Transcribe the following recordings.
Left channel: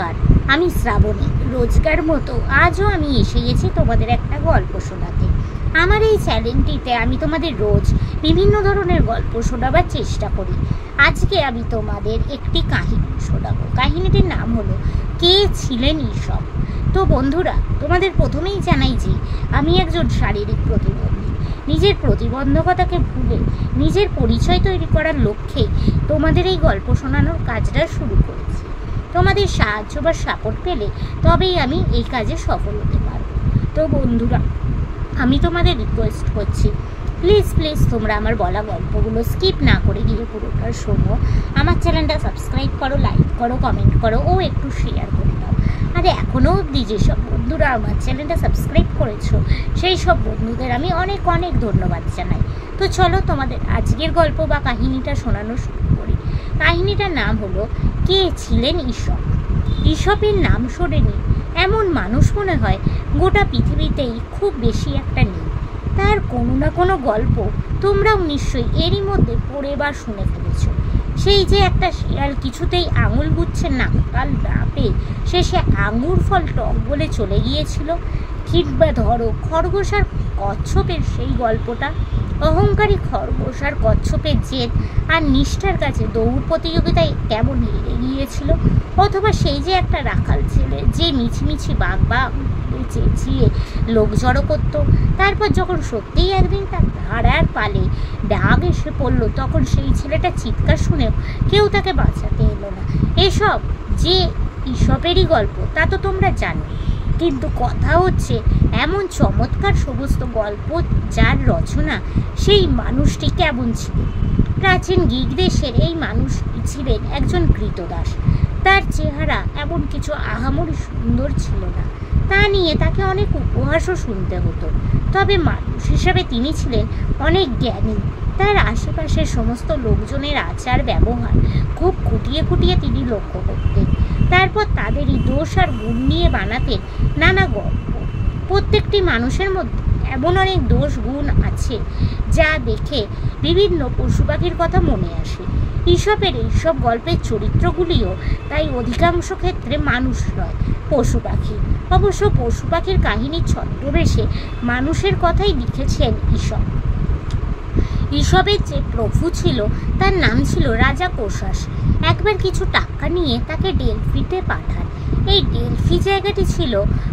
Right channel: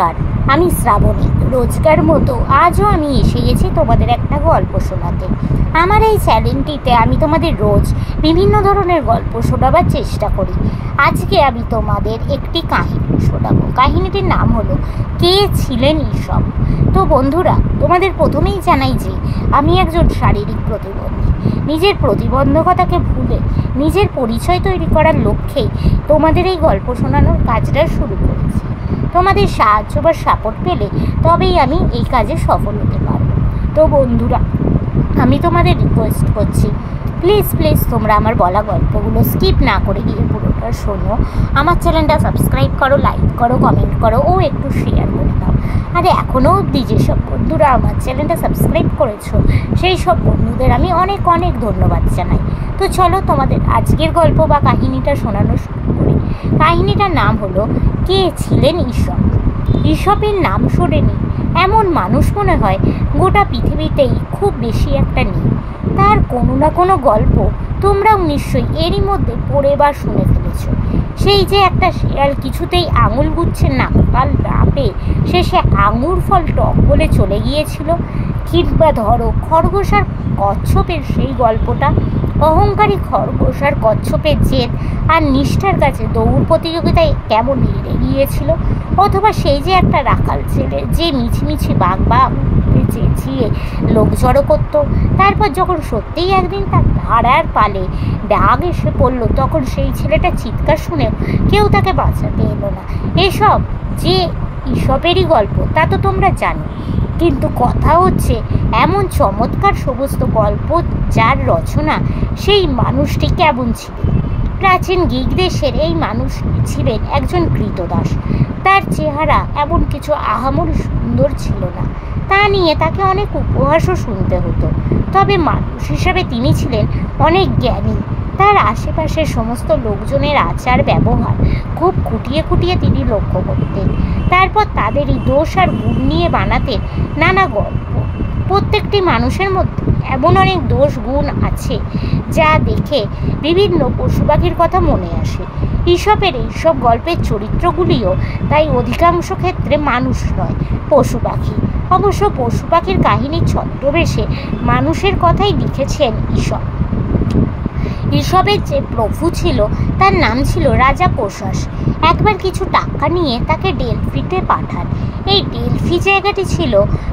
নমস্কার, আমি শ্রাবণী। রোজকার মতো আজও আমি এসে গেছি তোমাদের একটা গল্প শোনাতে। আমার এই চ্যানেলটিতে আমি তোমাদের রোজ বিভিন্ন ধরনের গল্প শোনাবার চেষ্টা করি। আজকে আমি তোমাদের একটি কাহিনী শোনাবো। কাহিনীটির নাম হলো কে ছিলেন ঈশপ। তো বন্ধুরা, তোমাদের প্রথমেই জানাই যে আমি একজন শারীরিক প্রতিবন্ধী। নিজের প্রতিবন্ধকতাকে ভুলে নিজের পরিচয় তৈরি করার লক্ষ্যেই তোমাদের এই গল্প শোনানোর কাজটা শুরু করেছি। তোমাদের সাহায্য বা সাপোর্ট পেলে তবেই আমি এই কাজে সফল হতে পারবো। তো বন্ধুরা, আমি তোমাদের রিকোয়েস্ট করছি, প্লিজ তোমরা আমার বলা গল্পগুলো স্কিপ না করে গিয়ে পুরোটা শোনো। আমার চ্যানেলটা সাবস্ক্রাইব করো, লাইক করো, কমেন্ট করো ও একটু শেয়ার করে দাও। আর এখনও অবধি যেসব বন্ধুরা আমার চ্যানেলটা সাবস্ক্রাইব করেছো সেই সব বন্ধুদের আমি অনেক ধন্যবাদ জানাই। তো চলো তোমাদের আজকের গল্প বা কাহিনীটা শোনানো শুরু করি। কাহিনীটার নাম হলো কে ছিলেন ঈশপ। ঈশপের নাম শোনেনি এমন মানুষ মনে হয় গোটা পৃথিবীতেই খুব বেশি একটা নেই। তার কোনো না কোনো গল্প তোমরাও নিশ্চয়ই এরই মধ্যে পড়ে বা শুনে ফেলেছ। সেই যে একটা শিয়াল কিছুতেই আঙুল গুচ্ছে নাকাল না পেয়ে শেষে আঙুর ফল টক বলে চলে গিয়েছিল। কিংবা ধরো খরগোশ আর কচ্ছপের সেই গল্পটা, অহংকারী খরগোশ আর কচ্ছপের জেদ আর নিষ্ঠার কাছে দৌড় প্রতিযোগিতায় কেমন হেরে গিয়েছিল। অথবা সেই যে একটা রাখাল ছেলে যে মিছিমিছি বাঘ চেঁচিয়ে লোক জড়ো করতো, তারপর যখন সত্যিই একদিন তার ধারার পালে ডাক এসে পড়লো, তখন সেই ছেলেটা চিৎকার শুনেও কেউ তাকে বাঁচাতে এলো না। এসব যে ঈশপেরই গল্প তা তো তোমরা জানো, কিন্তু কথা হচ্ছে এমন চমৎকার সমস্ত গল্প যার রচনা সেই মানুষটি কেমন ছিল। প্রাচীন গ্রীক দেশের এই মানুষ ছিলেন একজন কৃতদাস। তার চেহারা এমন কিছু আহামরি সুন্দর ছিল না, তা নিয়ে তাকে অনেক উপহাসও শুনতে হতো। তবে মানুষ হিসাবে তিনি ছিলেন অনেক জ্ঞানী। তার আশেপাশের সমস্ত লোকজনের আচার ব্যবহার খুব খুঁটিয়ে তিনি লক্ষ্য করতেন। তারপর তাদেরই দোষ আর গুণ নিয়ে বানাতেন নানা গল্প। প্রত্যেকটি মানুষের মধ্যে এমন অনেক দোষ গুণ আছে যা দেখে বিভিন্ন পশু পাখির কথা মনে আসে। ঈশপের এইসব গল্পের চরিত্রগুলিও তাই অধিকাংশ ক্ষেত্রে মানুষ নয়, পশু পাখি। অবশ্য পশু পাখির কাহিনীর ছদ্মবেশে মানুষের কথাই লিখেছেন ঈশপ। ঈশপের যে প্রভু ছিল তার নাম ছিল রাজা কোষাস। একবার কিছু টাকা নিয়ে তাকে ডেলফিতে পাঠান। এই ডেলফি জায়গাটি ছিল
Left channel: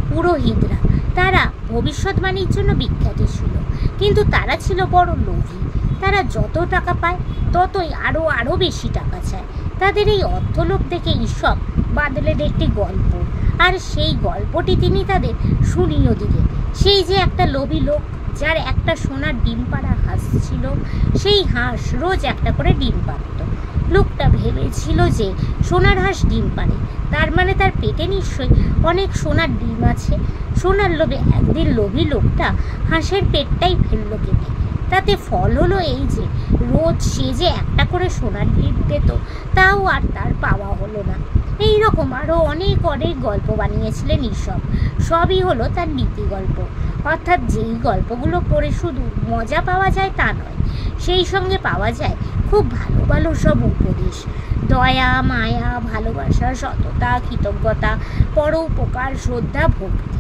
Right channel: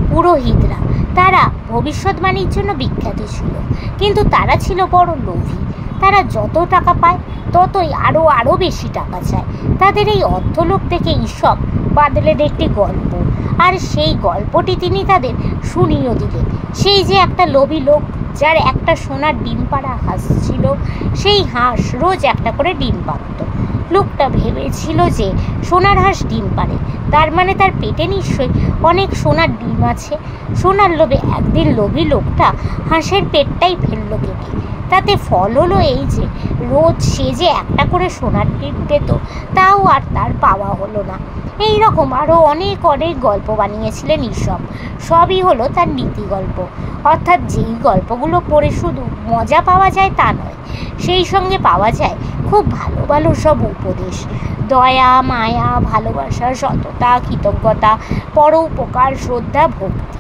পুরোহিতরা। তারা ভবিষ্যৎবাণীর জন্য বিখ্যাত ছিল, কিন্তু তারা ছিল বড় লোভী। তারা যত টাকা পায় ততই আরও বেশি টাকা চায়। তাদের এই অর্থলোভ দেখে ঈশপ বাদলের একটি গল্প, আর সেই গল্পটি তিনি তাদের শুনিয়েও দিলেন। সেই যে একটা লোভী লোক যার একটা সোনার ডিম পাড়া হাঁস ছিল, সেই হাঁস রোজ একটা করে ডিম পাড়ত। লোকটা ভেবেছিল যে সোনার হাঁস ডিম পাড়ে, তার মানে তার পেটে নিশ্চয়ই অনেক সোনার ডিম আছে। সোনার লোভে একদিন লোভী লোকটা হাঁসের পেটটাই ফেলল কেটে। তাতে ফল হলো এই যে রোজ সে যে একটা করে সোনার ডিম পেত, তাও আর তার পাওয়া হলো না। এই রকম আরও অনেক গল্প বানিয়েছিলেন ঈশপ। সবই হলো তার নীতি গল্প, অর্থাৎ যেই গল্পগুলো পড়ে শুধু মজা পাওয়া যায় তা নয়, সেই সঙ্গে পাওয়া যায় খুব ভালো সব উপদেশ। দয়া, মায়া, ভালোবাসা, সততা, কৃতজ্ঞতা, পরোপকার, শ্রদ্ধা, ভক্তি,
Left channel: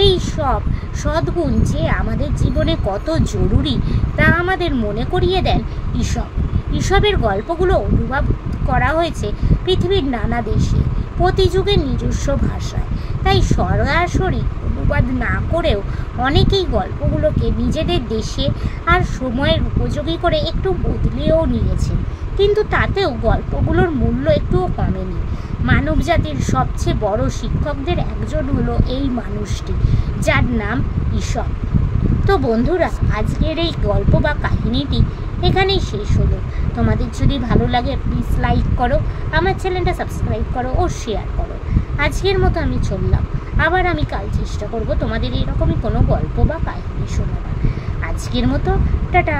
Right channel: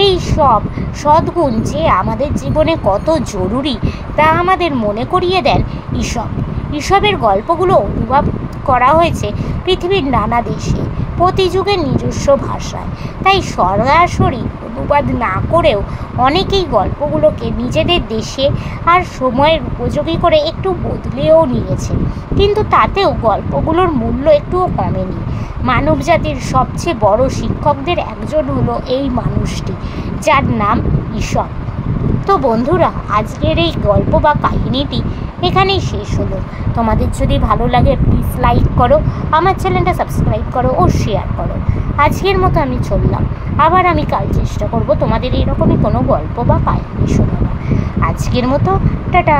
এই সব সদ্গুণ যে আমাদের জীবনে কত জরুরি তা আমাদের মনে করিয়ে দেন ঈশপ। ঈশপের গল্পগুলো অনুবাদ করা হয়েছে পৃথিবীর নানা দেশে, প্রতি যুগের নিজস্ব ভাষায়। তাই সরাসরি অনুবাদ না করেও অনেকেই গল্পগুলোকে নিজেদের দেশে আর সময়ের উপযোগী করে একটু বদলেও নিয়েছেন, কিন্তু তাতেও গল্পগুলোর মূল্য একটুও কমেনি। মানবজাতির সবচেয়ে বড় শিক্ষকদের একজন হলো এই মানুষটি, যার নাম ঈশপ। তো বন্ধুরা, আজকের এই গল্প বা কাহিনীটি এখানেই শেষ হলো। তোমাদের যদি ভালো লাগে প্লিজ লাইক করো, আমার চ্যানেলটা সাবস্ক্রাইব করো ও শেয়ার করো। আজকের মতো আমি চললাম, আবার আমি কাল চেষ্টা করব তোমাদের এরকমই কোনো গল্প বা কাহিনী শোনাবার। আজকের মতো টাটা।